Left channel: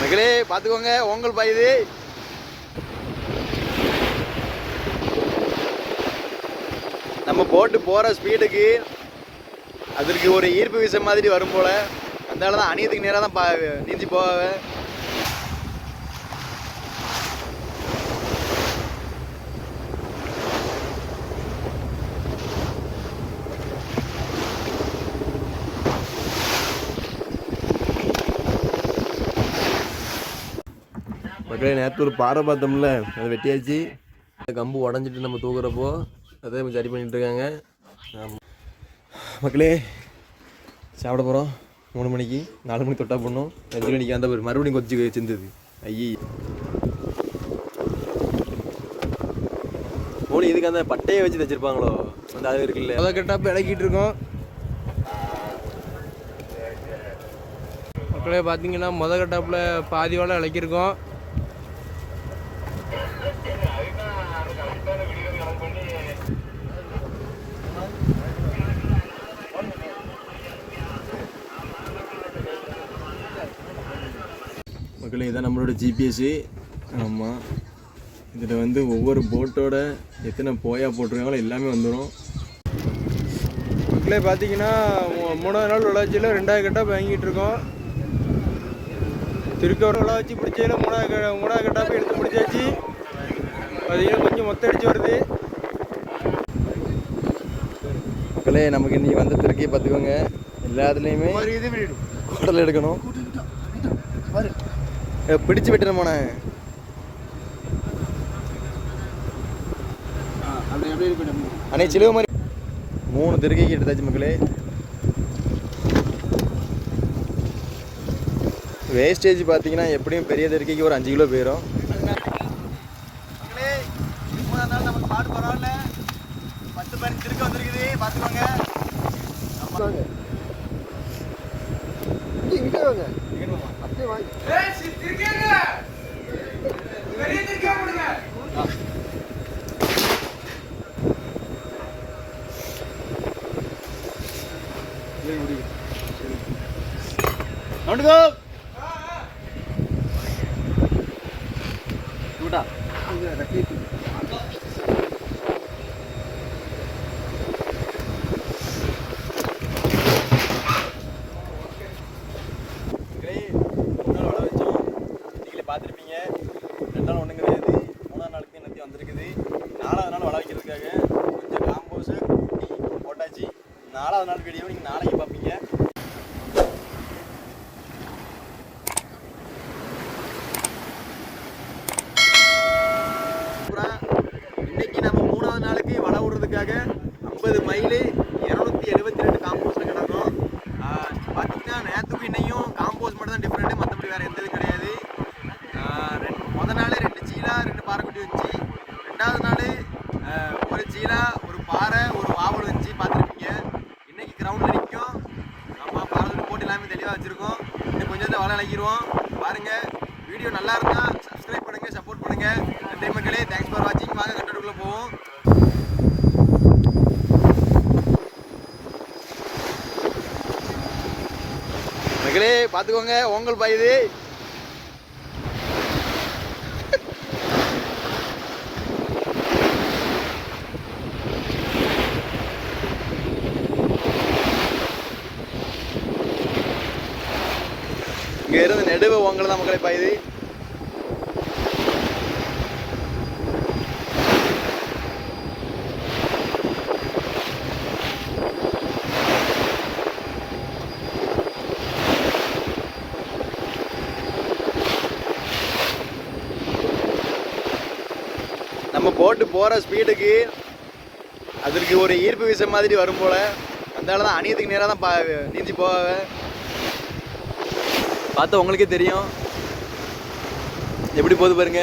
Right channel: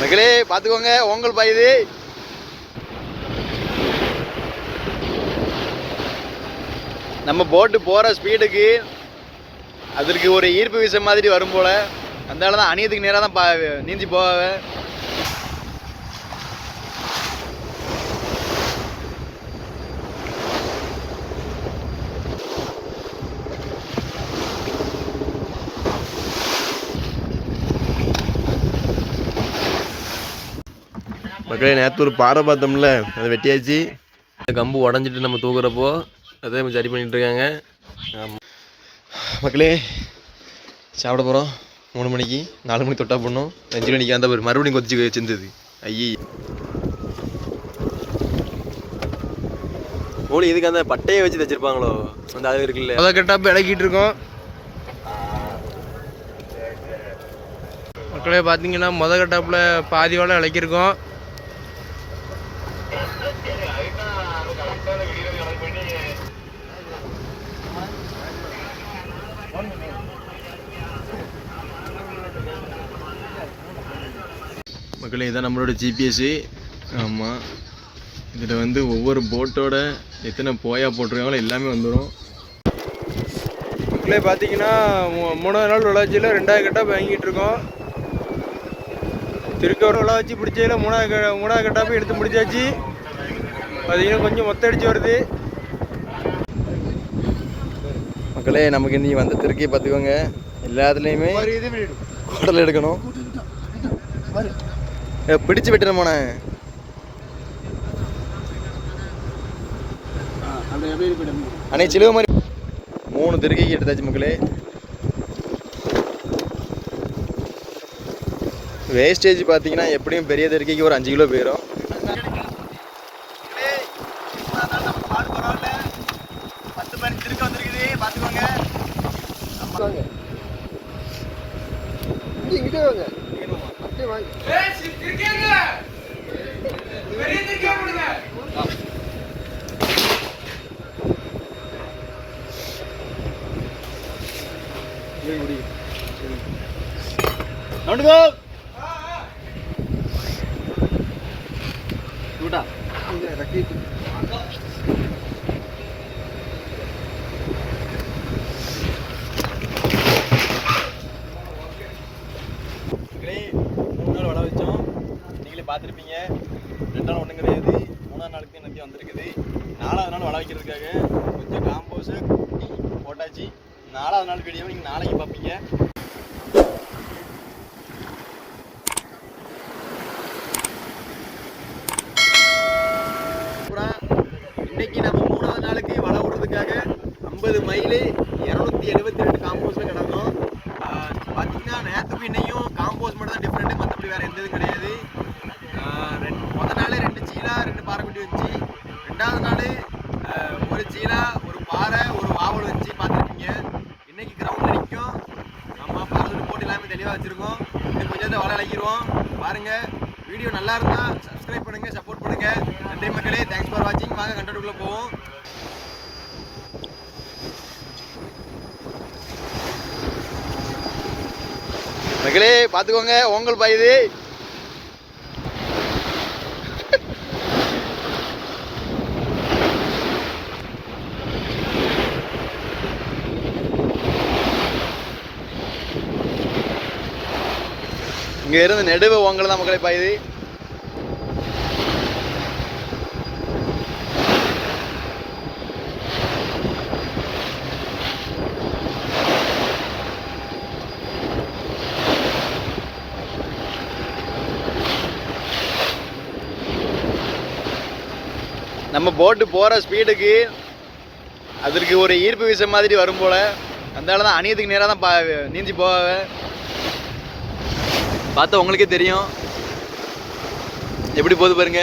மக்களே பார்த்துக்கோங்க, ஓங்கல் பாயுது. நம்ம போட்டு போகிற ஸ்பீடுக்கு அதற்கு ஒரு ஈர்ப்பு விசை மாதிரி வரும் போல். அதனால தான் அணியத்துக்கு நேராக தான் நீந்தி போக. மக்களே நேற்று ஒரு பாறை பார்த்தோம்ல, அதை வெட்டியாச்சு. கம்பு உடஞ்சிட்டு நம்ம தூக்குறப்போ அதே சரி பண்ணிகிட்ருக்காங்க. மக்களே சாப்பிட போகிறோம். 3 மணிக்கு 4 மணிக்கு தொட்டா போடணும். 5 மணிக்கு அந்த மறுபடியும் கொதிச்சு செஞ்சது. ஐயே கோழி இதுக்கு அந்த பட்டையை வச்சு தைச்சிருப்பாங்களோ, அந்த அது இருக்குல்ல, அதை கட்டாப்போ இறக்கிட்டு இருக்கோம். மக்களே பார்த்தீங்கன்னா கட்டாப்பில் பாதியோட இழக்கிருக்கோம். மக்களே இதான் நம்மளோட ஜிபிஎஸ்ஸு. ஆமாம், இதில் வந்து ஒவ்வொரு போட்டோட எத்தனை போயா போட்டிருக்காங்களோ எல்லாமே வந்துடும். மக்களே பார்த்தீங்கன்னா 3வது நாள் விளையாச்சியில் 2வது கட்டாப் வாங்கிட்டு இருக்கோம். திருக்கவர் விளையாச்சி பிடிச்சதில் 3வது கட்டாப்பை எடுத்து முடிச்சாச்சு. பார்த்தீங்கன்னா கொஞ்சம் மொத்த அடிச்சு வருது. மக்களே நமக்கு இன்றைக்கி வந்து திருக்கியை பார்த்துக்கோங்க, எல்லாத்துலேயுமே குடல் எடுக்கணும். பிடிச்சு வெட்டணுமாண்ணே. அண்ணே சிலுவை மாதிரி 3 திருக்கைக்கு எடுத்தாச்சு மக்களே. வேஸ்டேஜ் பார்த்தீங்கன்னா எப்படியும் பெரிய திருக்கைக்கு ஒரு 5 கிலோ போயிடும். பாடு பரவாயில்ல, 10-15 திருக்க வந்துருக்குது பார்த்துக்கோங்க. பார்த்துருப்பீங்க. 2 நாள் ஒன்றும் கிடையாது, 3ஆவது நாளுக்கு என்னத்தையும் வந்திருக்குது. 4வது நாள் வள வைக்கிறதுக்காக கொஞ்சம் காம்போஸு போட்டாச்சு. 4வது நாள் வீடியோ நீங்கள் நாளைக்கு பார்ப்பீங்க. இன்னைக்கு நம்ம 3வது நாளுக்கு வள விடுறதுக்காக 50 மைலு 272 காம்போஸில் கிடக்கும். பார்த்தீங்கன்னா நேற்றுக்கும் இன்னையும் காம்போஸ் மட்டும் தான் டிஃப்ரெண்ட்டு, மற்றபடி வேறு எந்த இதுவும் கிடையாது. முதல் நாள் 2 சீலா 2 பாறைக்குட்டி வந்துச்சு. 2வது நாள் 1 சீலா 1 பாறை 1 வாவல் வச்சு பார்த்துருப்பீங்க. இன்னைக்கு கிரவுண்டில் நிற்கும். நம்ம பாறை போட்டு எல்லாமே தெளிவாக வச்சுருக்கோம். இன்னும் கொஞ்சம் வள அழைக்கிடுவோம் பாருங்கள். வீடியோ நல்லா இருந்தால் சப்ஸ்கிரைப் பண்ணுங்கள், சப்போர்ட் பண்ணுங்கள். நன்றி மக்களே, தேங்க்ஸ் ஃபார் வாட்சிங். வாங்க கண்டென்ட்டுக்குள்ளே போவோம். மக்களே பார்த்துக்கோங்க, ஓங்கல் பாயுது. இங்கே இருந்து நெடுவ ஓங்கல் தான் மக்களே பாயுது. நம்ம போட்டு போகிற ஸ்பீடுக்கு அதற்கு ஒரு ஈர்ப்பு விசை மாதிரி வரும் போல். அதனால தான் அணியத்துக்கு நேராக தான் நீந்தி போக. பார்த்தா உங்களுக்கே தெரியும் எப்படி போகுது பாருங்க.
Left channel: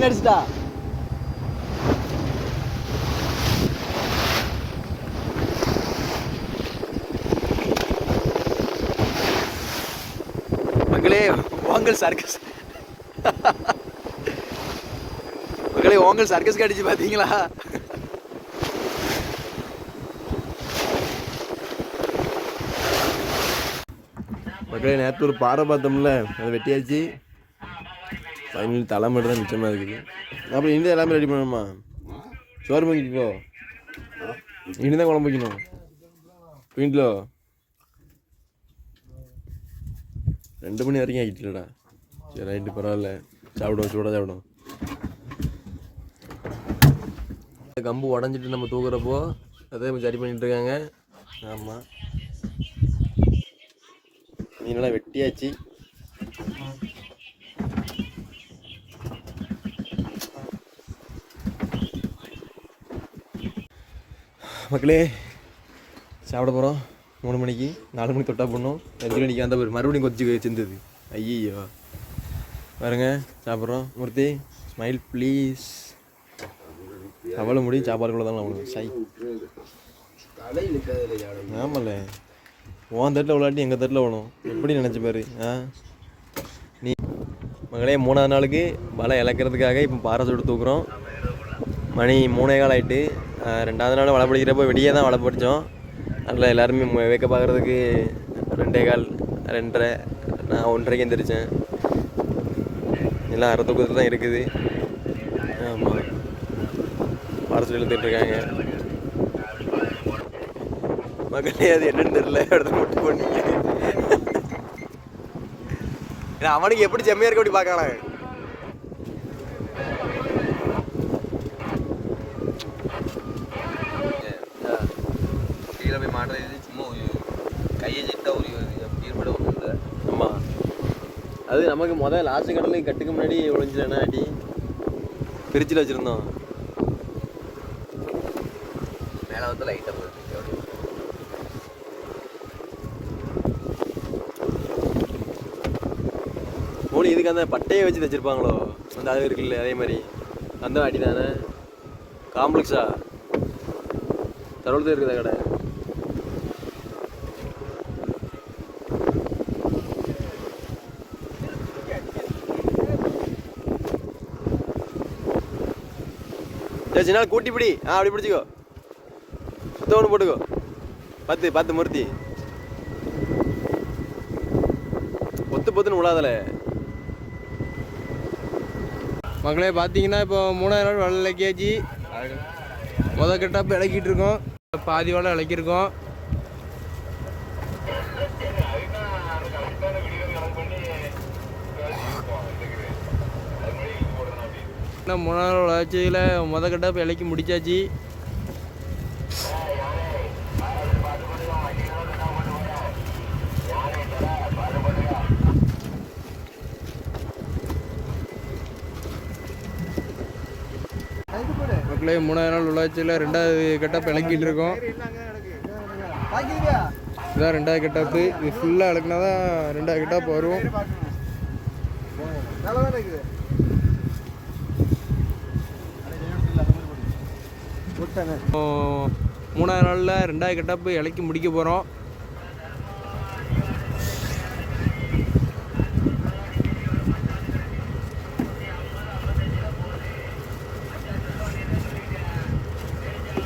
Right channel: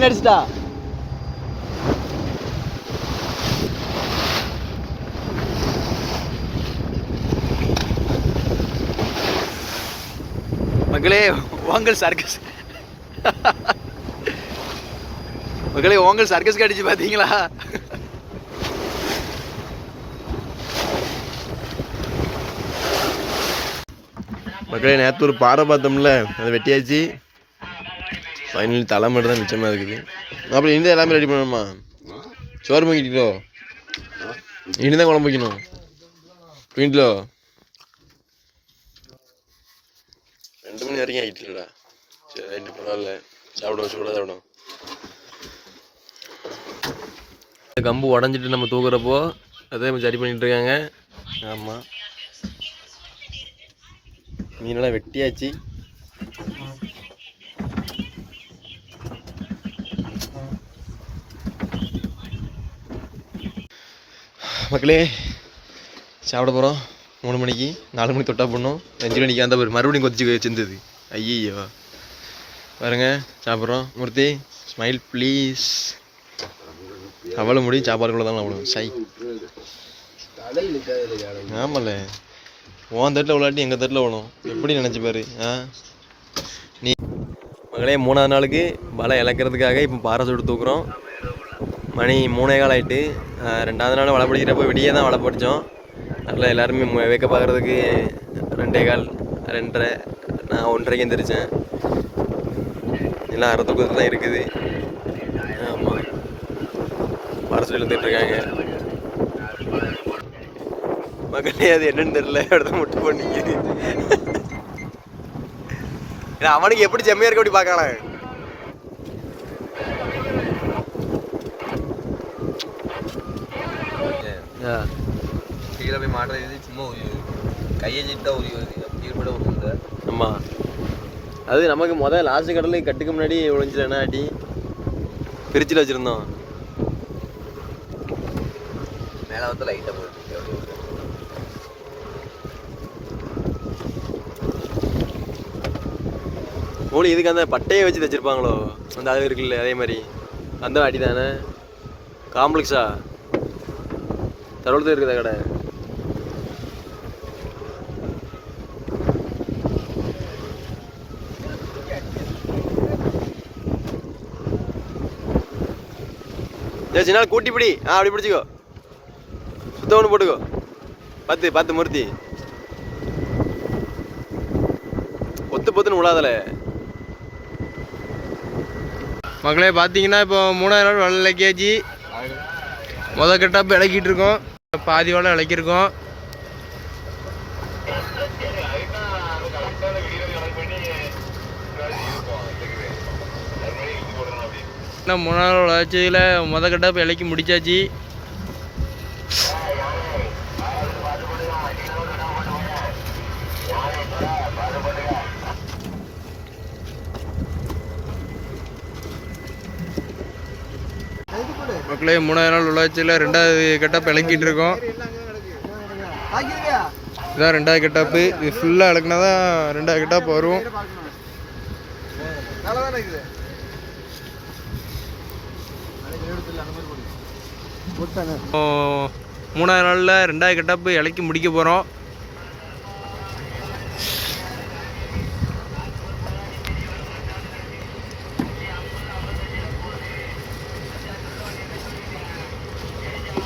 மீன் அடிச்சிட்டா மக்களே ஓங்கல் சர்க்கஸ் மக்களே ஓங்கல் சர்க்கஸ் அடிச்சு பாத்தீங்களா? மக்களே நேற்று ஒரு பாறை பார்த்தோம்ல, அதை வெட்டியாச்சு. ஃபைனலி தலை மட்டும் தான் மிச்சமாக இருக்குது. அப்புறம் இனிதான் எல்லாமே ரெடி பண்ணணுமா? சோறு வாங்கிட்டோ இனிதான் குழம்பு வைக்கணும். வீட்டில் 2 மணி வரைக்கும் ஆகிட்டுலடா. சரி ரைட்டு, பரவாயில்ல. சாப்பிடுவோம், சூடாக சாப்பிடும். கம்பு உடஞ்சிட்டு நம்ம தூக்குறப்போ அதே சரி பண்ணிட்டு இருக்காங்க. ஆமாம், மீனெல்லாம் வெட்டியாச்சு. மக்களே சாப்பிட போகிறோம். 3 மணிக்கு, 4 மணிக்கு தொட்டா போடணும். 5 மணிக்கு அந்த மறுபடியும் கொதிச்சு வச்சிருந்தது. ஐயோ பாருங்க, சாப்பிட்றோம். மூர்த்தி ஸ்மைல் ப்ளீஸ். அவ்வளோ முடியும் சாப்பாடுக்குள்ள தான் அவ்வளோ சை. ஆமாம்ல, உன் தட்டில் விளாட்டி எங்கள் தட்டில் விழும். எப்படி நினச்சி பாரு. நீ மகளே 3ஆவது நாளுக்கு வலை இழக்கிறதுக்காக இப்போ பாறை சுட்டு தூக்குறோம். மணி 3:15 ஆகிட்டு. 2ஆவது நாள் வலை பிடிக்கிறப்போ விடியே தான் வலை பிடிச்சோம். அதில் எல்லாருமே வேக்க பார்க்குறதுக்கு 2:15, 2:30, நான் 1:30 எந்திரிச்சேன். எல்லாம் அரை தூக்கத்தில் தான் இருக்குது. ஆமாம், பாறை சுட்டு இழுத்துட்ருக்காங்க. மகளே அது என்னன்னு தெரியல, இடத்த முட்டை பண்ணிக்குது. ஏன்னா அவனுக்கு எப்படி செம்மையா இருக்க அப்படி பார்க்கலாம். கீழே போய் மாட்டுறது சும்மா கையை சிட்டா கீழ்பட. ஆமாம், அது நமக்கு முதல் லாஸ்ட் கடலுக்கு கட்டுக்கு முன்னாடி ஒழிஞ்சிடனா ஆட்டி பிரிட்ஜில் வச்சுருந்தோம். மேலே வந்து லைட்டாக போட்டு மூணு இதுக்கு அந்த பட்டையை வச்சு தைச்சிருப்பாங்களோ, அந்த அது இருக்குல்ல அதே மாதிரி அந்த அடி தானே. காம்ப்ளெக்ஸா தரோளத்தில் இருக்குதா கடை? சரி சின்ன கூட்டி பிடி. அப்படி பிடிச்சிக்கோ. சுத்தம் ஒன்று போட்டுக்கோ. 10 மூர்த்தி பொத்துன்னு விழாதல. மக்களே பார்த்தீங்கன்னா இப்போ 3ஆவது நாள் வலை இலக்கியாச்சு. முதல் கட்டப்போ இலக்கிட்டு இருக்கோம், பாதி வலை இலக்கியிருக்கோம். இன்னும் 3ஆவது நாள் வளர்ச்சியில் முதல் கட்டப்போ இலக்கி முடிச்சாச்சு. மக்களே 3ஆவது நாள் உள்ளாட்சியில் 2ஆவது கட்டப் இலக்கிட்டு இருக்கோம். இதுதான் 2ஆவது கட்டப்பு. இது ஃபுல்லாக இலக்குனா தான் 2ஆவது கட்டப் வரும். 3ஆவது நாளில் 2ஆவது கட்டப்பு இலக்கி முடிக்க போகிறோம்.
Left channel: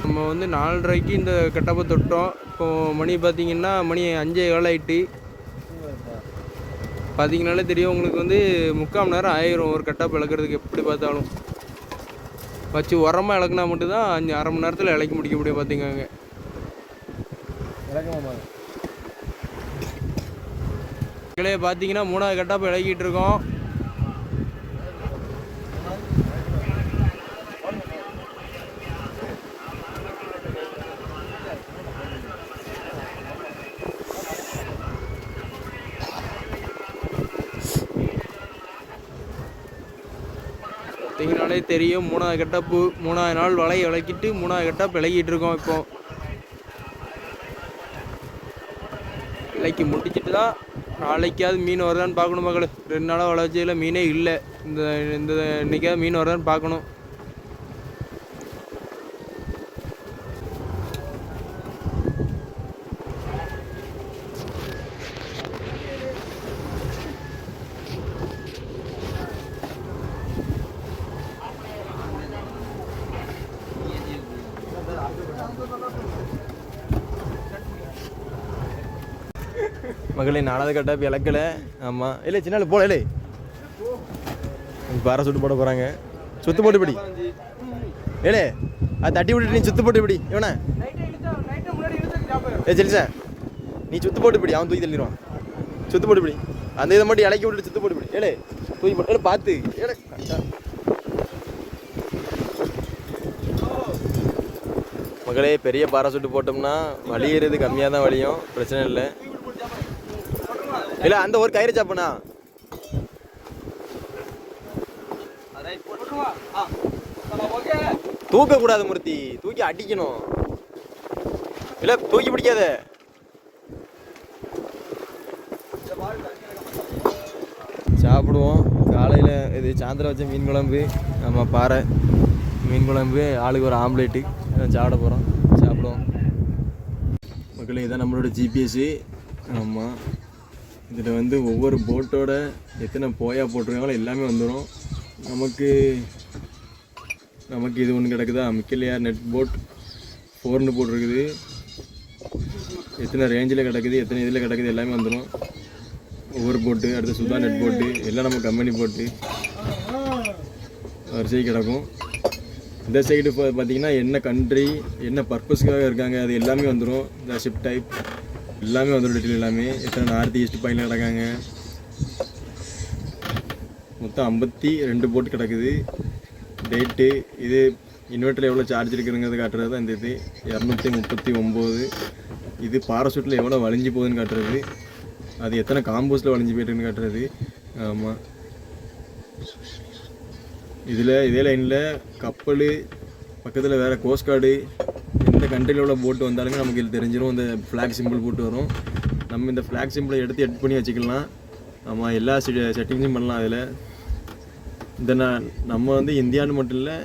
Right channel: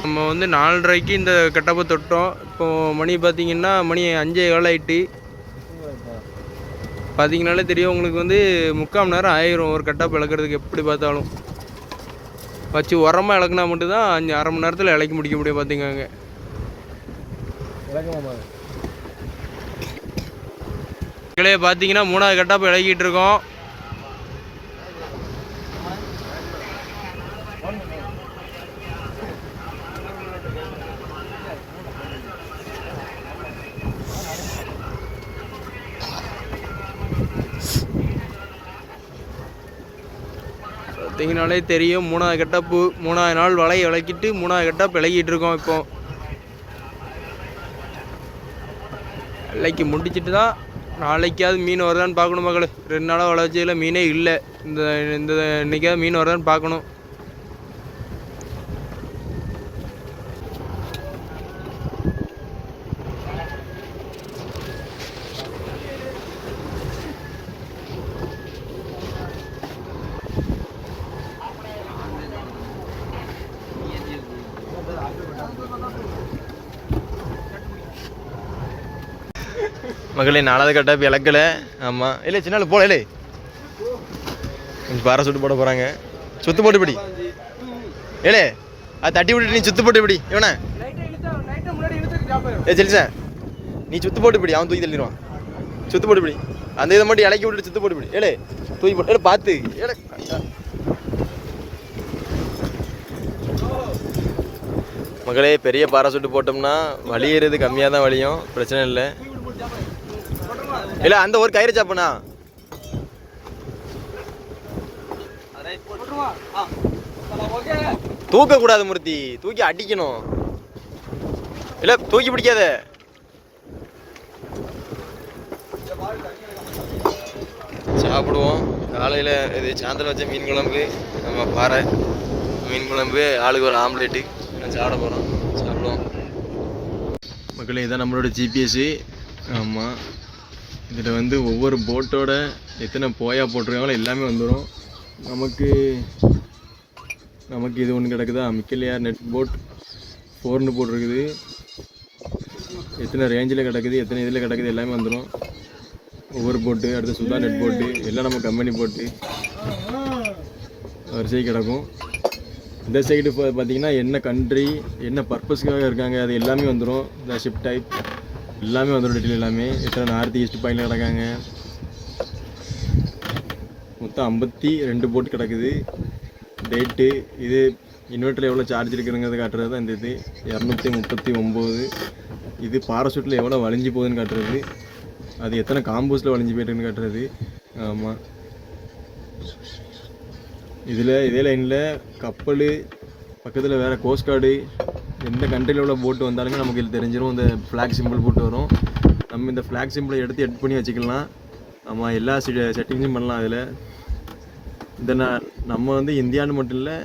நம்ம வந்து 4:30க்கு இந்த கட்டப்பை தொட்டோம். இப்போது மணி பார்த்திங்கன்னா மணி 5:15 ஆகிட்டு. பார்த்தீங்கனாலே தெரியும் உங்களுக்கு வந்து 3/4 மணி நேரம் ஆயிரும் ஒரு கட்டப்பை இழக்கிறதுக்கு. எப்படி பார்த்தாலும் வச்சு உரமாக இழக்குனா மட்டும்தான் 1/2 மணி நேரத்தில் இலக்கி முடிக்க முடியும். பார்த்திங்க பார்த்தீங்கன்னா 3ஆவது கட்டப்பை இலக்கிட்டு இருக்கோம். பார்த்தீங்கனாலே தெரியும் 3ஆவது கட்டப்பு. 3ஆவது நாள் வலை இலக்கிட்டு 3ஆவது கட்டப்பு இலக்கிட்டு இருக்கோம். இப்போ இலக்கி முடிச்சுட்டு தான் நாளைக்காவது மீன் வருதான்னு பார்க்கணும் மக்கள். 2 நாளாக வளர்ச்சியில் மீனே இல்லை. இந்த இன்னைக்காவது மீன் வருதான்னு பார்க்கணும். மகளே 4வது கட்டாப்பு இழக்கலை. ஆமாம் இல்லை சின்ன போல இல்லை கொஞ்சம் பாறை சுட்டு போட போகிறாங்க. சுத்து போட்டு பிடி ஏலே அது தட்டி விட்டுட்டு நீ சுத்து போட்டு பிடி. இவனே சரி சார் நீ சுத்து போட்டு பிடி, அவன் தூக்கி தள்ளிடுவான். சுத்து போட்டு பிடி, அந்த இதை மட்டும் இலக்கி விட்டுட்டு சுத்து போட்டு பிடி. ஏலே தூக்கி போட்டு ஏலே பார்த்து ஏலே மகளே. பெரிய பாறை சுட்டு போட்டோம்னா வலியறது கம்மியாக தான் வலியும், பிரச்சனை இல்லை. இல்லை அந்த ஒரு கயிறு சாப்பிடணா தூக்கக்கூடாது மூர்த்தி, தூக்கி அடிக்கணும். இல்லை தூக்கி பிடிக்காத. சாப்பிடுவோம் காலையில். இது சாயந்தரம் வச்ச மீன் குழம்பு, நம்ம பாறை மீன் குழம்பு, ஆளுக்கு ஒரு ஆம்லேட்டு சாப்பிட போகிறோம். சாப்பிடுவோம் மக்களே. இதுதான் நம்மளோட ஜிபிஎஸ்ஸு. ஆமாம், இதில் வந்து ஒவ்வொரு போட்டோட எத்தனை போயா போட்டிருக்காங்களோ எல்லாமே வந்துடும். நமக்கு இது ஒன்று கிடக்குதா, மிக்கலியார் நெட் போட் 4ன்னு போட்டிருக்குது. எத்தனை ரேஞ்சில் கிடக்குது, எத்தனை இதில் கிடக்குது எல்லாமே வந்துடும். ஒவ்வொரு போட்டு, அடுத்து சுதா நெட் போட்டு, எல்லாம் நம்ம கம்பெனி போட்டு வரிசை கிடக்கும். இந்த சைடு பார்த்தீங்கன்னா என்ன கண்ட்ரி என்ன பர்பஸ்க்காக இருக்காங்க அது எல்லாமே வந்துடும். இந்த ஷிப் டைப் எல்லாமே வந்துடும், டீட்டெயில் எல்லாமே. எத்தனை நார்த் ஈஸ்ட் பாயிண்டில் கிடக்காங்க. மொத்தம் 52 போட்டு கிடக்குது. டேட்டு இது இன்வெர்ட்டரில் எவ்வளோ சார்ஜ் இருக்குங்கிறது காட்டுறது தான் இந்த இது 239. இது பாராசூட்டில் எவ்வளோ வளைஞ்சி போகுதுன்னு காட்டுறது. அது எத்தனை காம்போஸில் வளைஞ்சி போய்ட்டுன்னு காட்டுறது. ஆமாம், இதே லைனில் கப்பல் பக்கத்தில் வேறு கோஸ்ட் கார்டு எந்த கண்ட்ரியில் உள்ள போட்டு வந்தாலுமே நமக்கு இது தெரிஞ்சிடும். இந்த ஃப்ளாக் சிம்பிள் போட்டு வரும். நம்ம இந்த ஃப்ளாக் சிம்பிளை எடுத்து எட் பண்ணி வச்சுக்கலாம். ஆமாம், எல்லா செட்டிங்ஸும் பண்ணலாம் அதில். நம்ம வந்து இந்தியான்னு மட்டும் இல்லை,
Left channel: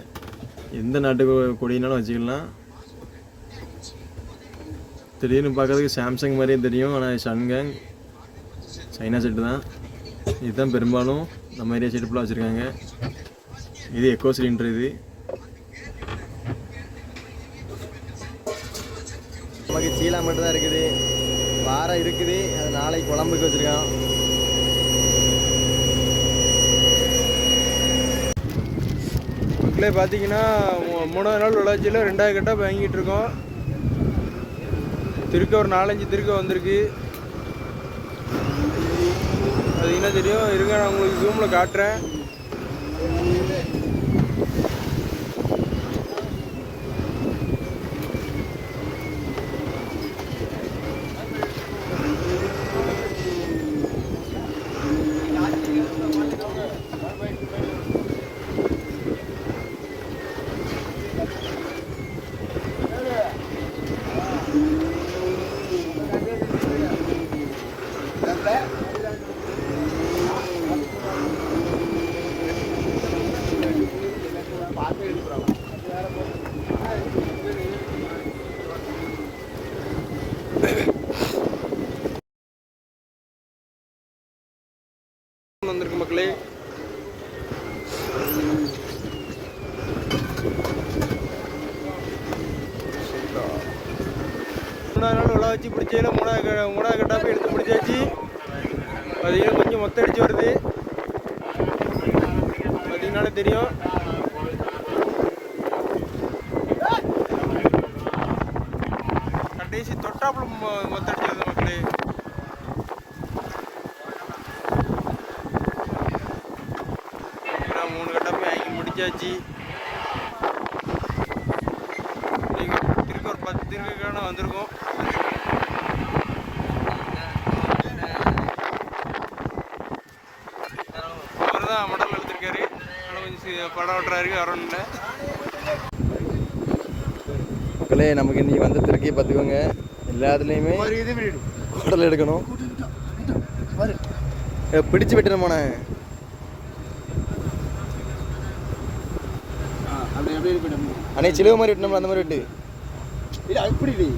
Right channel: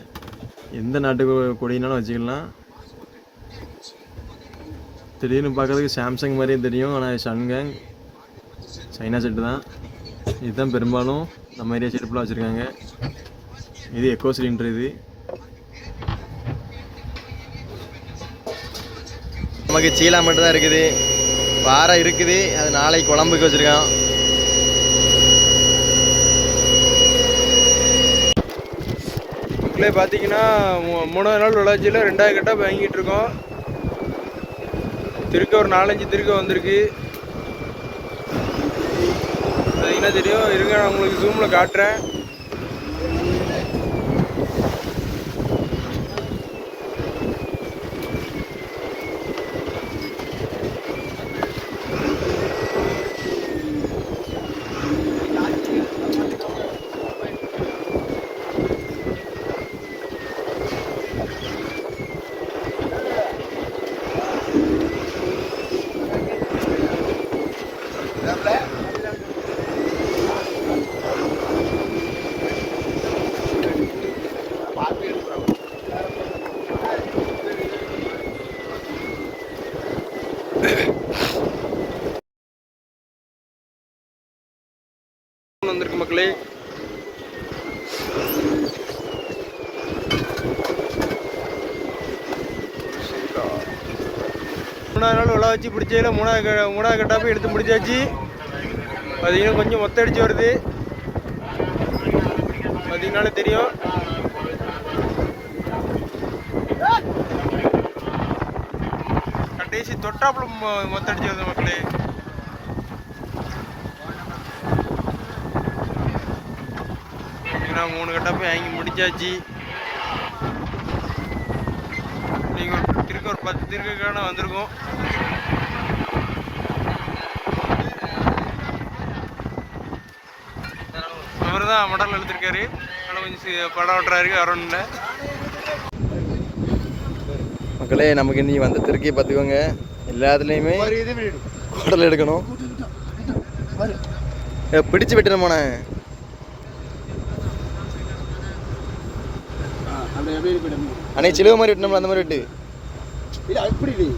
எந்த நாட்டு கொடினாலும் வச்சுக்கலாம். திடீர்னு பார்க்கறதுக்கு சாம்சங் மாதிரியே தெரியும், ஆனால் ஷன்கேங் சைனா செட்டு தான். இதுதான் பெரும்பாலும் நம்ம ஏரியா செட்டு ஃபுல்லாக வச்சுருக்காங்க. இது எக்கோ சிலிண்டர். இது நமக்கு சீலா மட்டும் தான் இருக்குது, பாறை இருக்குது. அது நாளைக்கு குழம்புக்கு வச்சுருக்கான். மக்களே பார்த்தீங்கன்னா 3வது நாள் வளர்ச்சியில் 2வது கட்டாக வாங்கிட்டு இருக்கோம். திருக்க ஒரு 4-5 திருக்க வந்திருக்கு. பார்த்தீங்கன்னா தெரியும். இருங்க, நான் உங்களுக்கு ஜூமில் காட்டுறேன். வந்திருக்கு மக்களே. மூணாவது நாள் உள்ள வச்சு பிடிச்சதில் மூணாவது கட்டாப்பை எடுத்து முடிச்சாச்சு. பார்த்தீங்கன்னா கொஞ்சம் மொத்த அடிச்சு வருது, பார்த்தீங்கன்னாலே தெரியும். கடைசி தொட்டாப்புல மொத்த அடிச்சு வருது மக்களே. பார்த்தீங்கன்னா 3 கட்டாப்பை வாங்கி முடிச்சாச்சு. நீங்கள் திருக்க ஒரு 10 திருக்கான வந்திருக்கும். அவர் தான் மடல் எடுத்திருக்காரு, ஆனால் கொஞ்சம் படம் ஓட்டுறாரு அரௌண்டில். மக்களே, நமக்கு இன்றைக்கி வந்த திருக்கையை பார்த்துக்கோங்க. எல்லாத்துலேயுமே குடல் எடுக்கணும். பிடிச்சு வெட்டுறேன் போனே. அண்ணே சிலுவை மாதிரி வெட்டணும்ல, அந்த மாதிரி வெட்டு. இல்லை அப்படி இல்லை.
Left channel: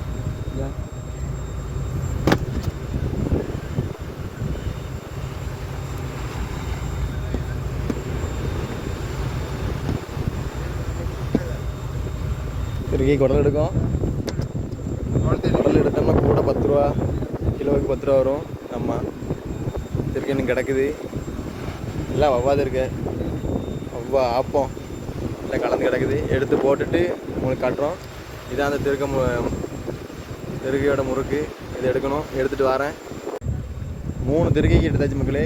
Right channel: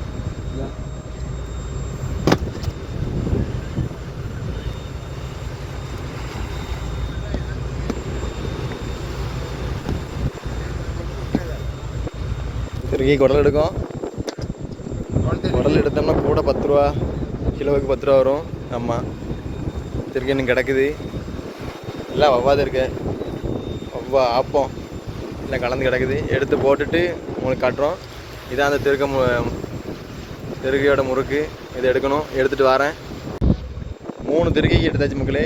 திருக்கி குடல் எடுக்கும். குடல் எடுத்தோம்னா கூட 10 ரூபா, கிலோவுக்கு 10 ரூபா வரும். ஆமாம், திருக்கி இன்னும் கிடக்குது. எல்லாம் வவ்வாது இருக்கு, வவ்வா ஆப்பம் எல்லாம் கலந்து கிடக்குது. எடுத்து போட்டுட்டு உங்களுக்கு காட்டுறோம். இதான் அந்த திருக்கையோட முறுக்கு. இதை எடுக்கணும், எடுத்துகிட்டு வரேன். 3 திருக்கைக்கு எடுத்தாச்சு மக்களே.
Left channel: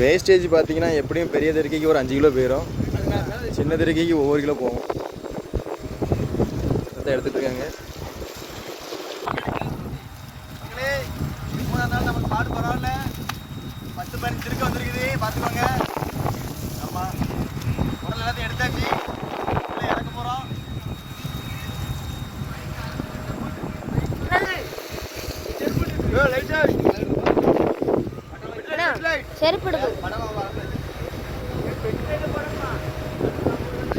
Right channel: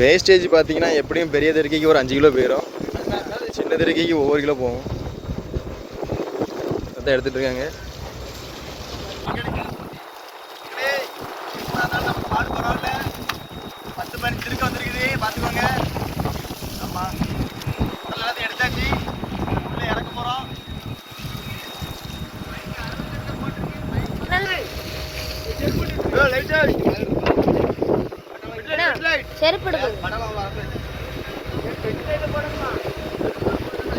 வேஸ்டேஜ் பார்த்தீங்கன்னா எப்படியும் பெரிய திருக்கைக்கு ஒரு 5 கிலோ போயிடும், சின்ன திருக்கைக்கு ஒவ்வொரு கிலோ போகும். அதான் எடுத்துகிட்டு இருக்காங்க. நமக்கு பாடு பரவாயில்ல, 10-15 திருக்க வந்துருக்குது பார்த்துக்கோங்க. ஆமாம், உடல் எல்லாத்தையும் எடுத்தாச்சு, உள்ளே இறக்க போகிறோம்.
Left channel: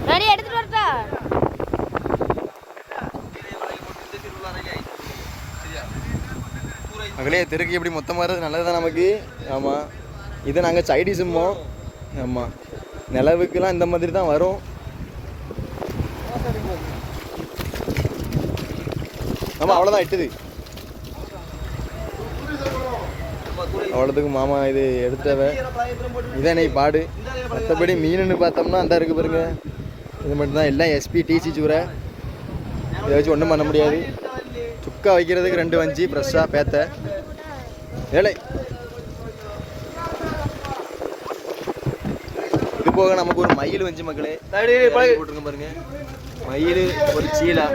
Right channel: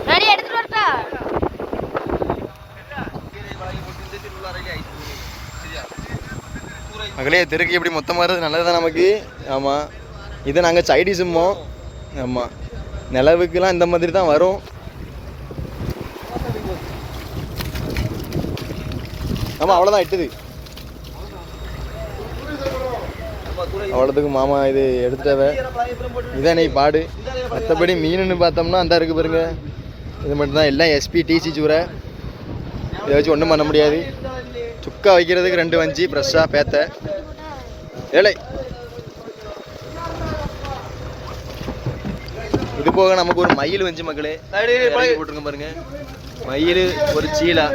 நிறைய எடுத்துட்டு வரட்டா? மகளே திருக்கி எப்படி மொத்தமாக வர்றது நல்லது தான் நமக்கு. ஆமாம், இதை நாங்கள் சைடிஸுமோ. ஆமாம், நிலவுக்குலாம் இந்த மாதிரி தான் வரும். ஆமாம், அவ்வளோதான் இட்டுது. அவ்வளோத்துக்கு மாமா இது எடுத்துட்டாவே. இதான் நீ பாடு. மற்றபடி மீனுன்னு பார்த்தோம்னா அந்த இருக்குது பாருங்க, இது மட்டும்தான். எல்லாம் எஸ்பி டிசி சூரை. இதை வச்சு ஒன்றும் பண்ண முடியாது. சுக்கா வைக்கிறதுக்கு 2 வஞ்சி ஃப்ரெஷ்ஷாக பேத்த ஏழை. இது போக நமக்கு ஒரு மயில் வஞ்சி மக்களே போட்டிருங்க பாருங்க. மயில், ஒரு சீலா.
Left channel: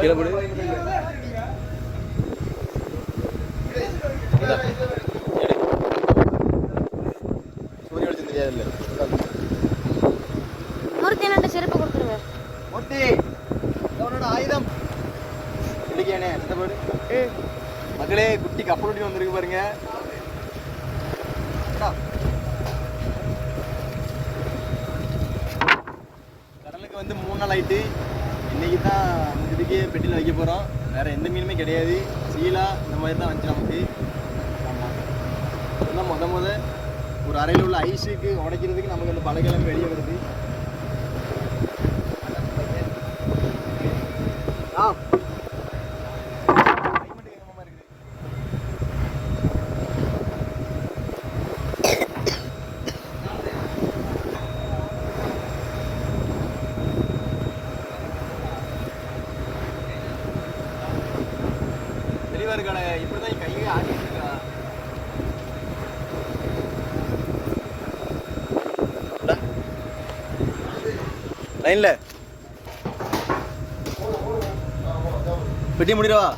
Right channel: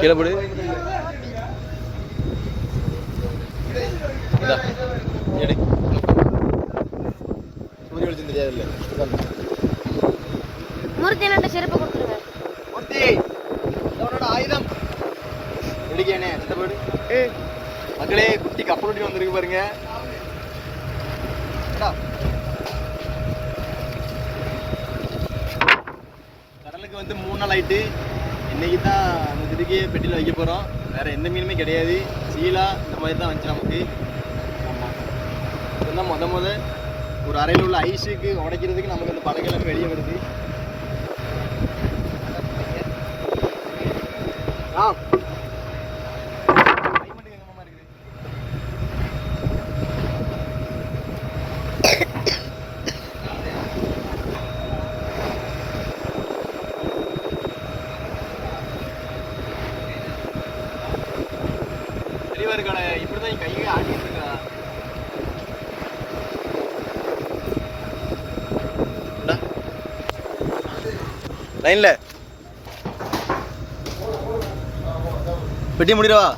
கீழே போடு. முறுக்கு என்ன செருப்பு கொடுத்துருங்க. ஆயுதம் மக்களே, குட்டி கப்பல் வந்திருக்கு பாருங்க. கடலுக்கு வந்து 3 நாள் ஆயிட்டு. இன்னைக்கு தான் அந்த இதுக்கே பெட்டியில் வைக்க போகிறோம். வேறு எந்த மீனுமே கிடையாது. சீலா இந்த மாதிரி தான் வந்துச்சு நமக்கு. ஆமாம், இப்போ தான் முத ஒரு அறையில் உள்ள ஐஸுக்கு உடைக்கிறதுக்கு நமக்கு அந்த பழகெல்லாம் வெளியே வருது. கடை இப்படிதான் கையை ஆட்டிருக்கா. லைன்ல பெட்டி முடிடவா.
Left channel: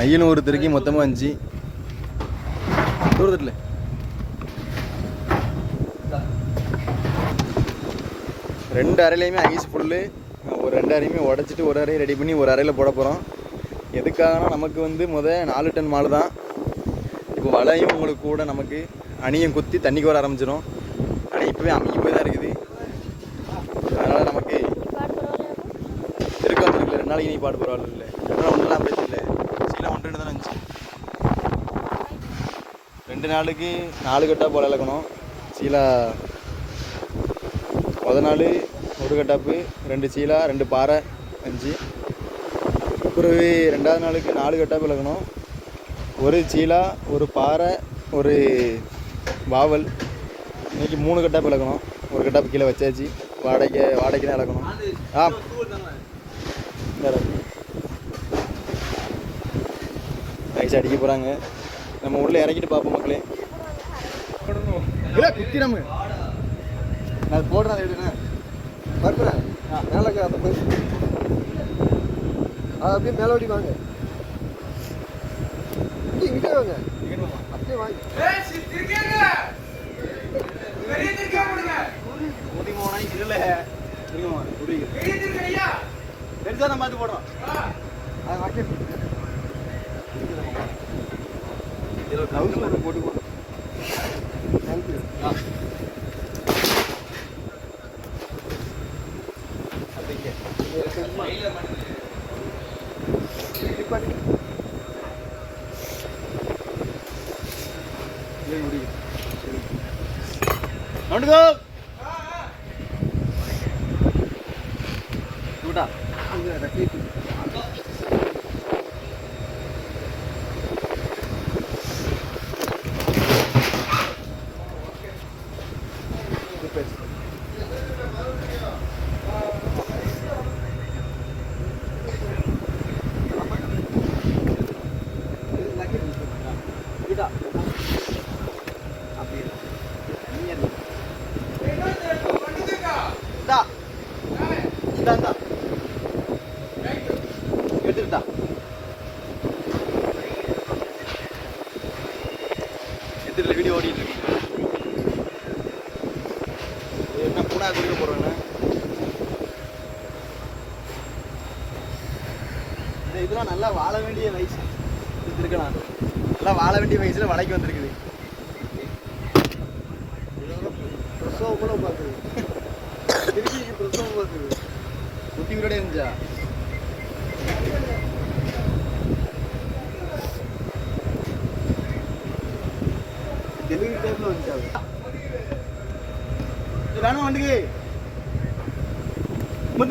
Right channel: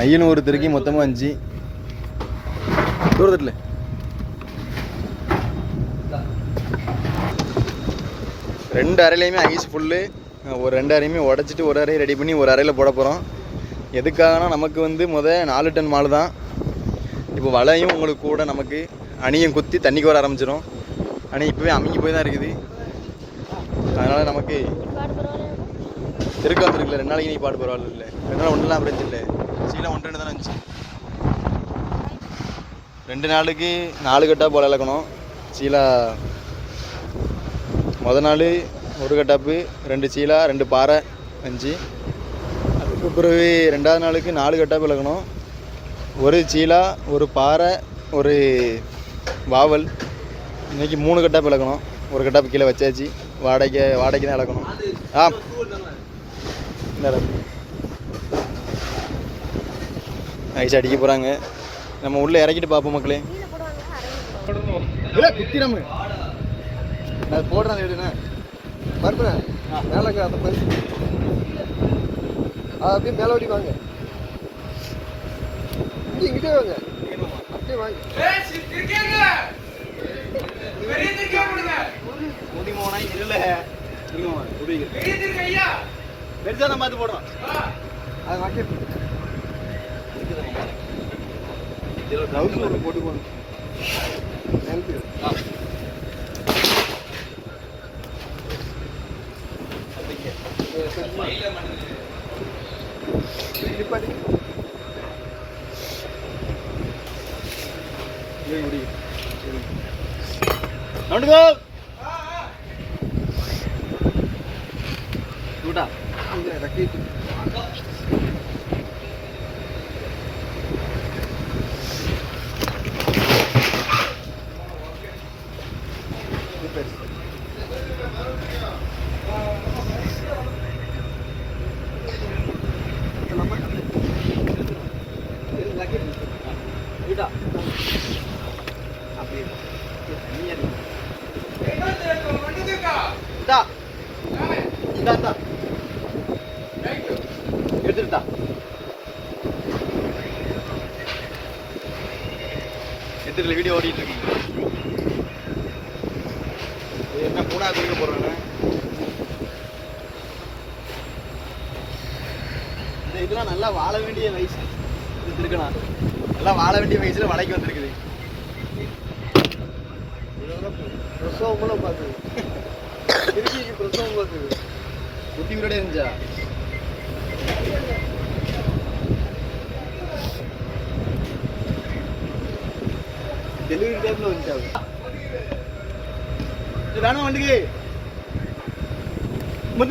ஐயன் ஒரு திருக்கி மொத்தமாக 5 தூரத்தில். ரெண்டு அறையிலையுமே ஐஸ் ஃபுல்லு. ஒரு 2 அறையுமே உடச்சிட்டு ஒரு அறையை ரெடி பண்ணி ஒரு அறையில் போட போகிறோம். எதுக்காகனா நமக்கு வந்து 4 டன் மாடு தான். இப்போ வலையும் உங்களுக்கு கூட நமக்கு அணியும் குத்தி தண்ணிக்கு வர ஆரம்பிச்சிடும். ஆனால் இப்போவே அமைங்கி போய் தான் இருக்குது. அதனால் நமக்கு திருக்க வந்துருக்குல்ல. 2 நாளைக்கு நீ பாடு பரவாயில்ல. இல்லை 2 நாள் ஒன்றுலாம் பிரச்சனை இல்லை. சீலாம் 1-2 தானே இருந்துச்சு. 2 நாளுக்கு 4 கட்டா போல இழக்கணும். சீலா முத நாள் 1 கட்டாப்பு, 2 சீலா, 2 பாறை 5. அதுக்கு பிறகு 2ஆவது நாளுக்கு 4 கட்டாப்பு இழக்கணும். ஒரு சீலா, ஒரு பாறை, ஒரு வாவல். இன்னைக்கு 3 கட்டாப்பு இழக்கணும். ஒரு கட்டாப்பு கீழே வச்சாச்சு. வாடகைக்கு தான் இழக்கணும். இந்த ஐஸ் அடிக்க போகிறாங்க. நம்ம உள்ளே இறக்கிட்டு பார்ப்போம் மக்களே. இல்லை குத்திரமு நான் போடுறேன் அந்த வீடுண்ணா பருப்புறேன் மேலே அந்த பருப்பு அப்படியே மேலோடி வாங்க இங்கிட்டே வாங்க அப்படியே வாங்க பெருசாக தான் பார்த்து போடுறோம் அது வாக்கி போட்டு போடுறோம் எடுத்துக்கிட்டா எடுத்துக்கிற வீடியோ ஓடிட்டு என்ன கூட வீடியோ போடுறேன்னு இதெல்லாம் நல்லா வாழ வேண்டிய வயசு இருக்கலாம். நல்லா வாழ வேண்டிய வயசுல வளைக்கு வந்திருக்குது. குட்டி வீரோட இருந்துச்சா டெலிவரி டைம்ல வந்துட்டாங்க. ராணுவ வண்டிக்கு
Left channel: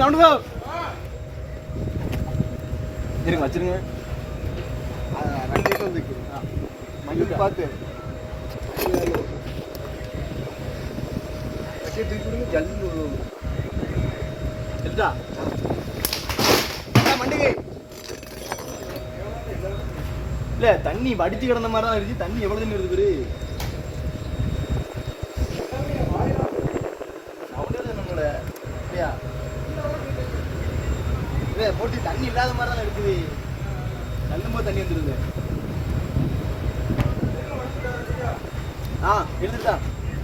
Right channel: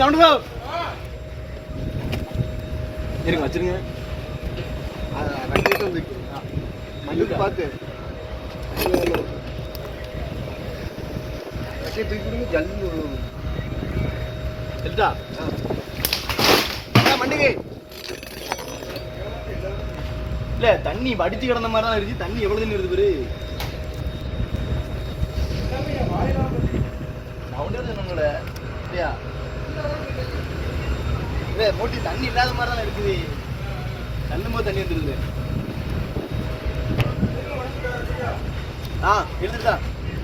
நவுண்டுக்கோ இருங்க வச்சிருங்க. மண்ணுக்கு பார்த்து ஜல்லி எடுத்தா மண்டிகை இல்ல தண்ணி வடிச்சு கிடந்த மாதிரி தான் இருக்கு. தண்ணி எவ்வளவு தண்ணி வருது பேரு இல்ல போட்டி தண்ணி இல்லாத மாதிரி தான் இருக்குது. தள்ளும் போது தண்ணி வந்துருது. எழுதுதா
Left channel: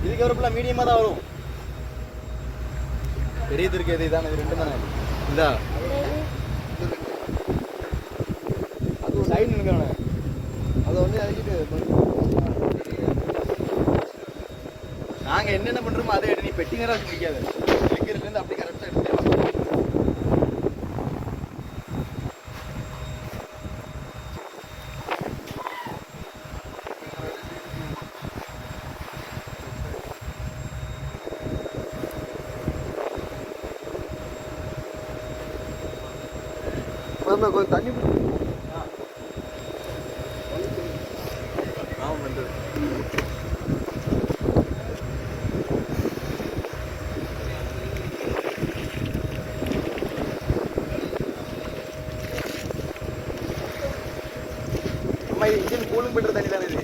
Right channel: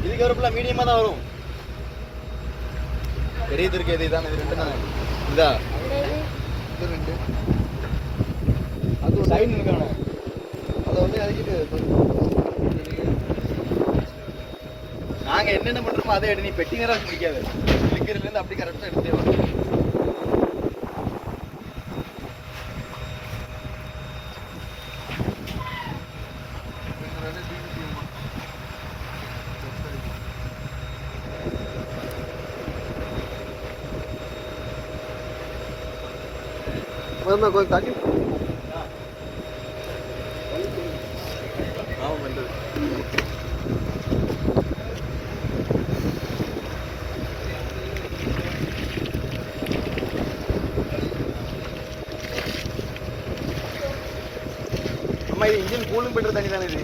இதுக்கு ஒரு மீடியமா தான் வரும். பெரிய துருக்கு எது இதான் இது 2 தானே இதா இது 2 அது ஒரு சைடு நினைக்கானே அதை வந்து அதுக்கு நாங்க என்னென்ன பண்றோமோ அதை எடு. நீ பெட்டி நேரம் வச்சு முடிக்காது. இருக்கிறதுல இருந்து அப்படி கரெக்டா எடுத்துட்டே வா. கொஞ்சம் தண்ணி ஆமாம் பண்ணுறது அம்மா இது இன்ஜின் கூலிங் பண்ணுற தண்ணி தானே இது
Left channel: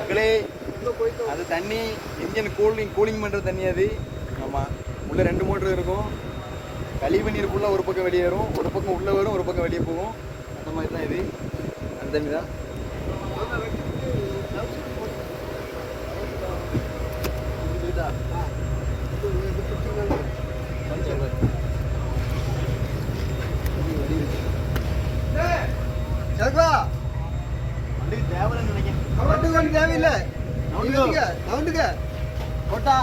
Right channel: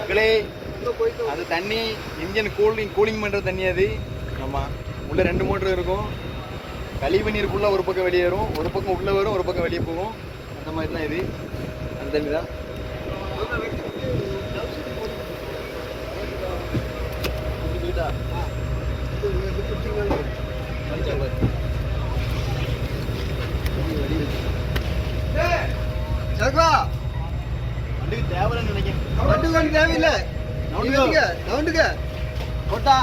மக்களே. அது தண்ணி இன்ஜின் கூலிங் பண்ணுற தண்ணி அது. ஆமாம் உள்ள 2 மோட்டர் இருக்கும். கழிவு நீர் ஃபுல்லாக ஒரு பக்கம் வெளியேறும், ஒரு பக்கம் உள்ளே வரும், ஒரு பக்கம் வெளியே போகும். அந்த மாதிரி தான் இது. அந்த தண்ணி தான் வண்டிக்கு தேவையில்லைன்னு நினைக்கிறேன். வண்டி தேவையில்லை. நவுண்டுக்க போட்டா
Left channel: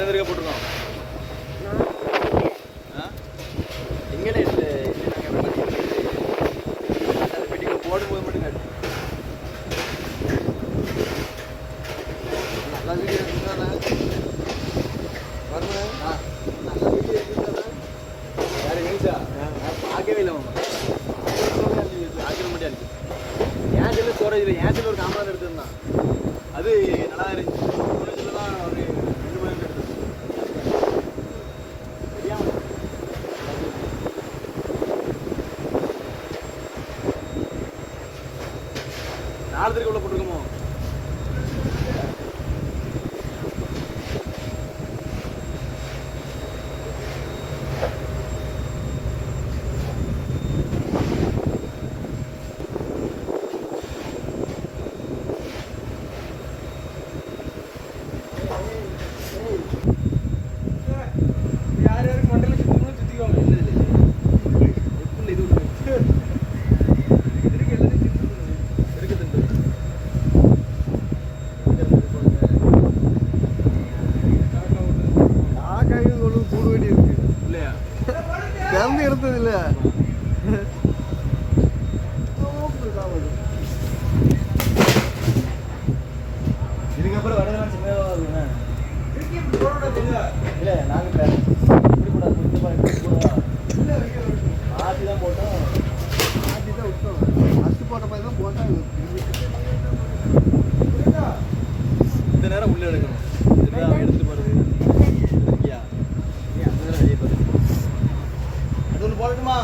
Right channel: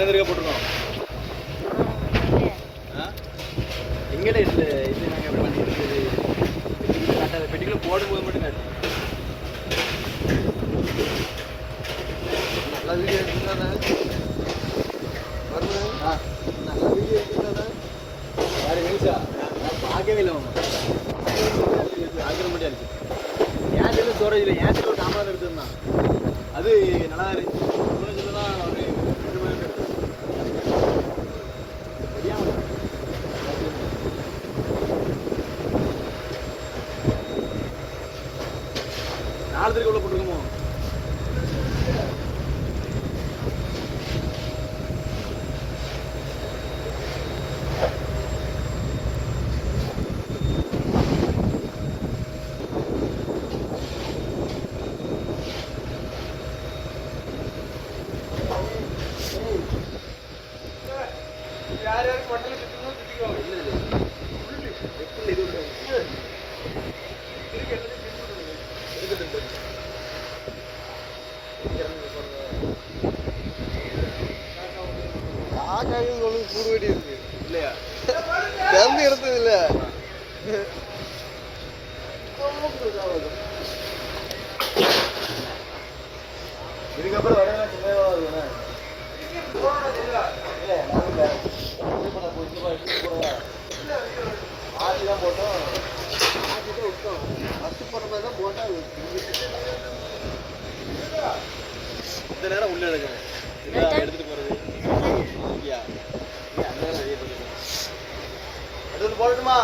எத்தனை தடவை போட்டிருக்கோம்? எங்கே இது நாங்கள் எப்படி பண்ணிட்டு பெட்டிக்குள்ள போடும்போது மட்டும் காட்டு. பார்க்கவே இல்லை ஆக்கிரம் மட்டும் இருக்கு. என் செல்லு ஸ்டோரேஜ் இல்லை, என் செல்லு ஒரு காமராஜ் எடுத்துருந்தான். அது நல்லா இருந்துச்சு. ஸ்டோரேஜில் தான் ஒரு 2 மணி நேரம் எடுத்து தெரியாமல் 4 தடவை உள்ள போட்டுருக்கோமோ. இல்லையா கலந்து எடுத்தது இல்லை. இதுக்கப்புறம் வடலாம் சின்னதாக வருதுண்ணே. இல்லை நாங்கள் ஆட்சி தான் போட்டோம். ஆட்சி தான் விட்டோம். ஃபஸ்ட்டு போட்ட மாதிரி தான் போட்டோம். இந்த நேரம் உள்ளே எடுக்கணும். எடுத்துகிட்டு போகிறது ஐயா அந்த நேரம் வெளியே போகுது. அது ஒன்று போடணுமா?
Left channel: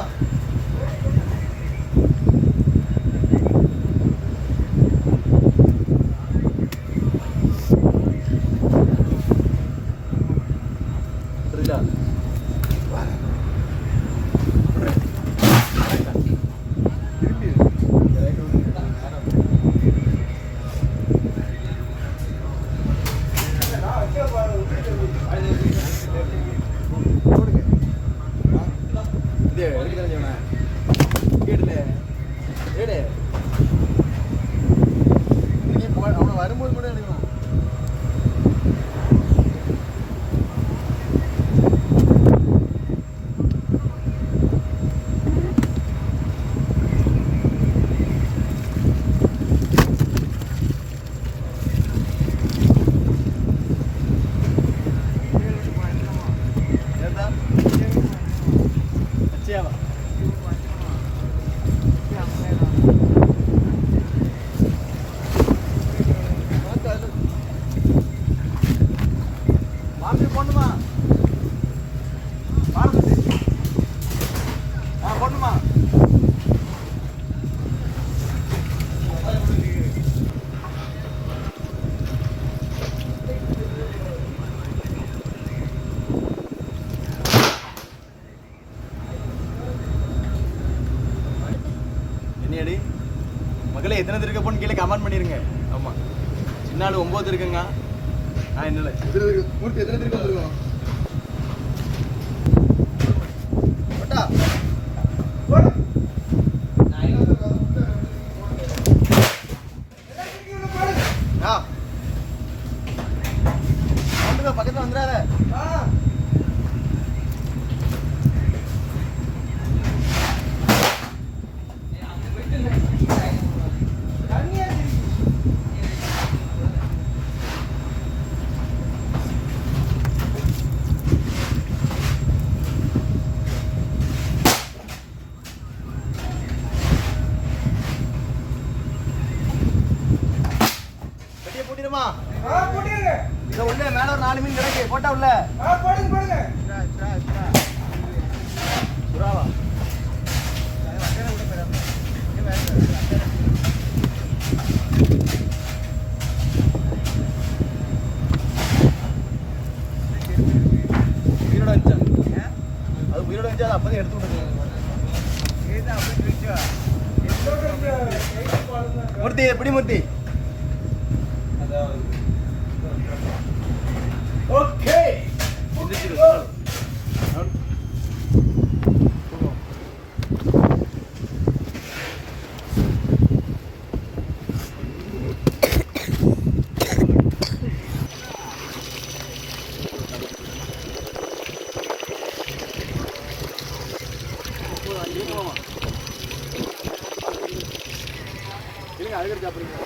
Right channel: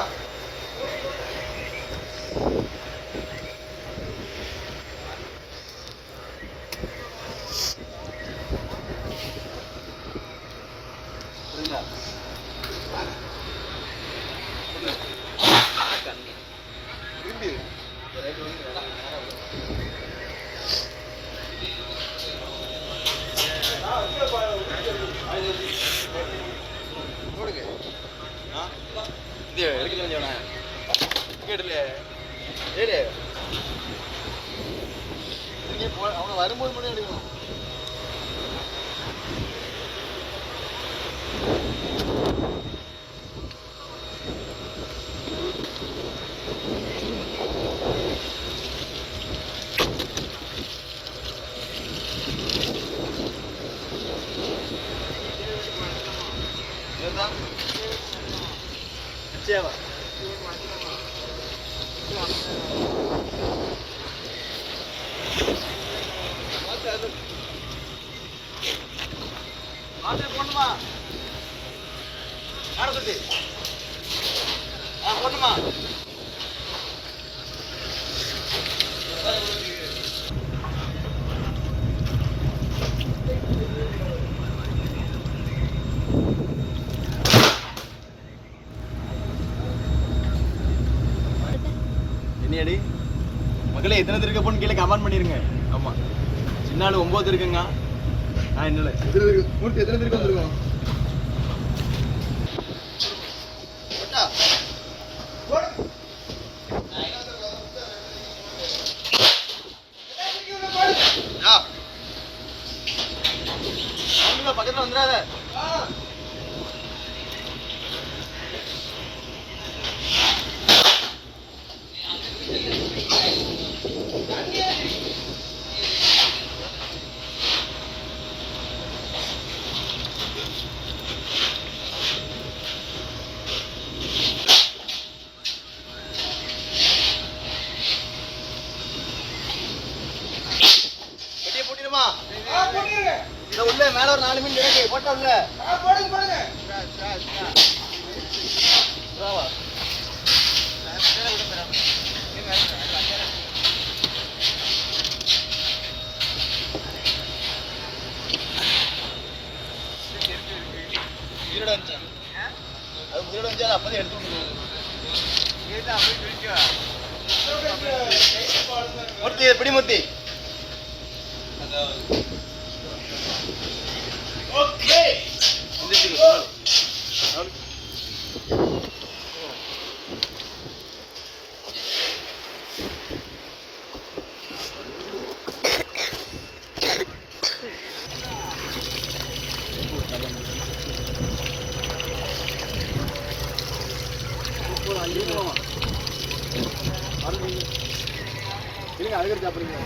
புரியுதா? திரும்பி போடுங்க. இது எடுக்க தெரிஞ்சவன கேட்டுல ஏழு அவனை வரும்போது மட்டும் எடுக்கணும். Siapa? மக்களே எத்தனை இருக்க போன்னு கீழே கமெண்ட் பண்ணிருங்க. ஆமா சின்ன ஆளு 9 இருக்குங்க. நான் என்ன மூர்த்தி எத்தனை இருக்க வந்துருக்கோம்? பக்கத்துல வந்துடாத. உள்ள மேல ஒரு 4 மீன் கிடக்கு போட்டா உள்ள போடுங்க புறாவா உயிரோட வச்சான். அது உயிரோட வச்சா அப்பதான் எடுத்து விட்டு மூர்த்தி எப்படி மூர்த்தி ஓகே மாமா இல்லைங்க அதுக்கு சாப்பிடுங்க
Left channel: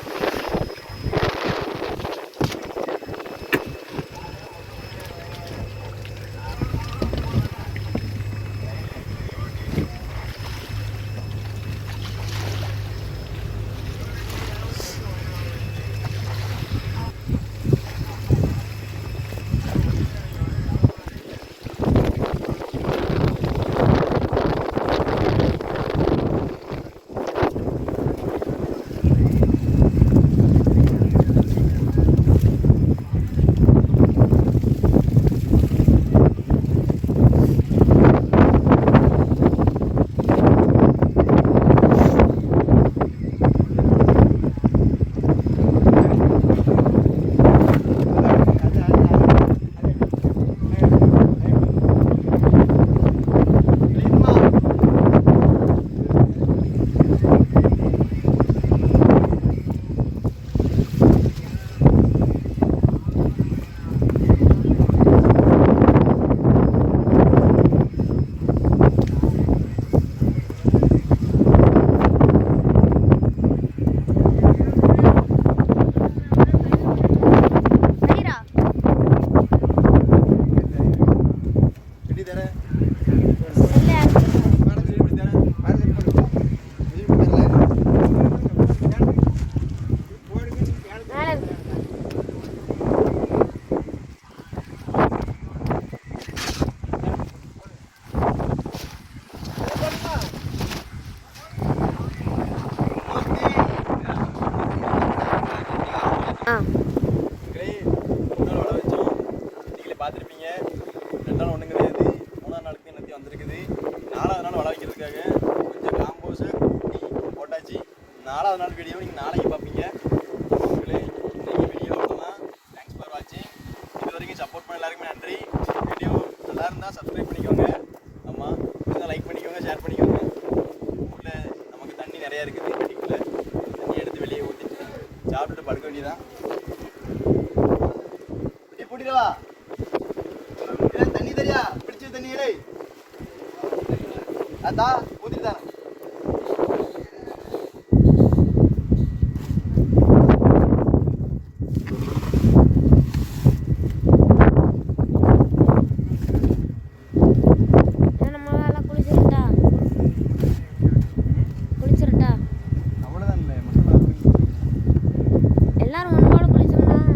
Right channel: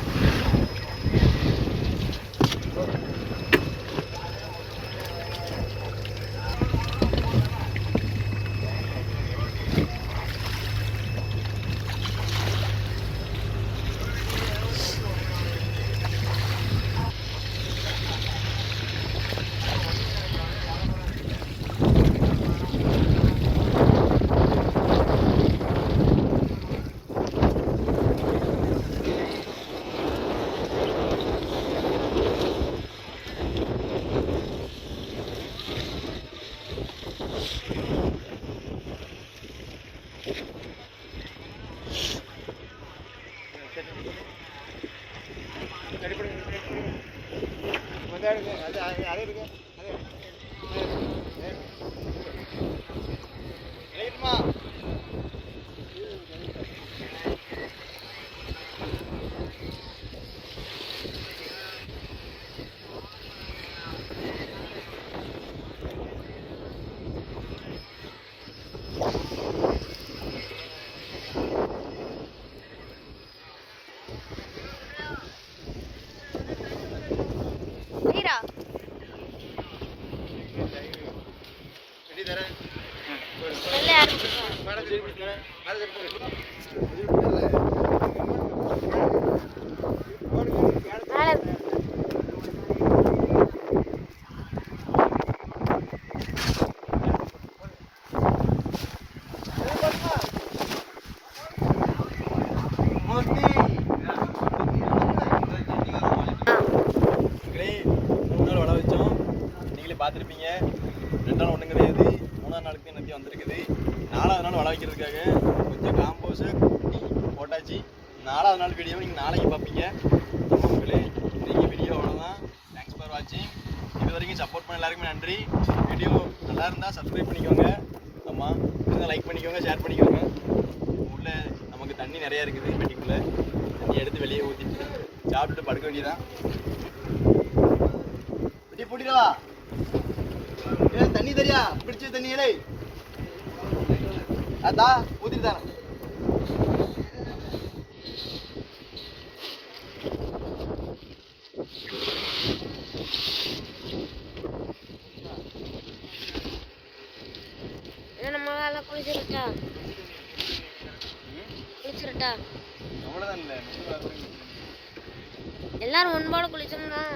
சரிடா. நெல்லை யாரு கொடுத்தா? மேலே மூணு நாள் வள வச்சோம் நீங்களே பார்த்துருப்பீங்க 2 நாள் ஒன்றும் கிடையாது 3ஆம் நாளுக்கு என்னத்தையும் வந்திருக்குது 4ஆவது நாள் வள வைக்கிறதுக்காக கொஞ்சம் காம்போஸு குட்டி போட்டாச்சு 4ஆவது நாள் வீடியோ நீங்கள் நாளைக்கு பார்ப்பீங்க உங்களே நீங்கள் வீடியோ அவ்வளோதான் தேங்க்ஸ் ஃபார் வாட்சிங் இது வரைக்கும் சப்போர்ட் பண்ண எல்லாருக்குமே நன்றி வீடியோ நல்லா இருந்தால் சப்ஸ்கிரைப் பண்ணிக்கோங்க ஆமாம் இருந்தால் லைக் பண்ணிக்கோங்க ஷேர் பண்ணிக்கோங்க உள்ள நமக்கு தண்ணி நிறையா இருக்குது வீட்டுக்குள்ளே தண்ணி எடுத்து வெளியே ஊற்றிட்டு சாப்பிட்டுட்டு படுக்க வேண்டியதான் போட்டிடவா தண்ணி தெரியா பிடிச்ச தண்ணி இலை அதா ஊத்திட்டு தானே நம்ம எல்லாம் குளிச்சிருட்டா அவ்வளோதான் இல்லை மொத்தம் எல்லாரும் ஒன்போட குளிச்சிடணும்.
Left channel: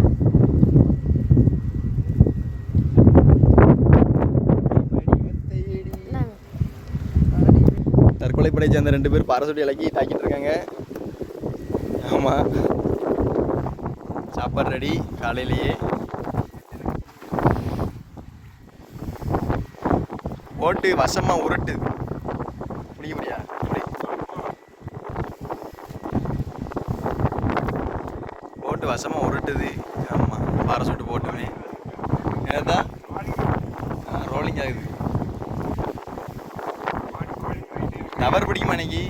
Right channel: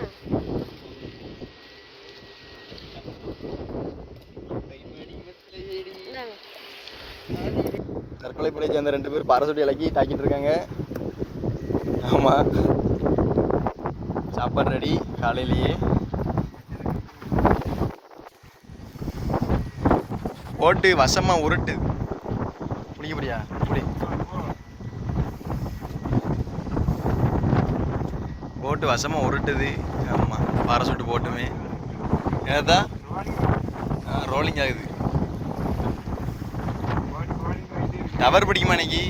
தற்கொலைப்படை சேர்ந்த 2 பேர் பாரசூட்டி இலக்கி தாக்கிட்டு இருக்காங்க ஆமாம் சாப்பாடு ரெடி காலையிலேயே போட்டு வசமாக உருட்டு பிடிக்க முடியா இப்படி போட்டு வசமாக உருட்டுது ஆமாம் பாரசூட்டு போட்டுமே என்னதா ரோலிங் ஆகுது டவர் பிடிக்குமா இன்னைக்கு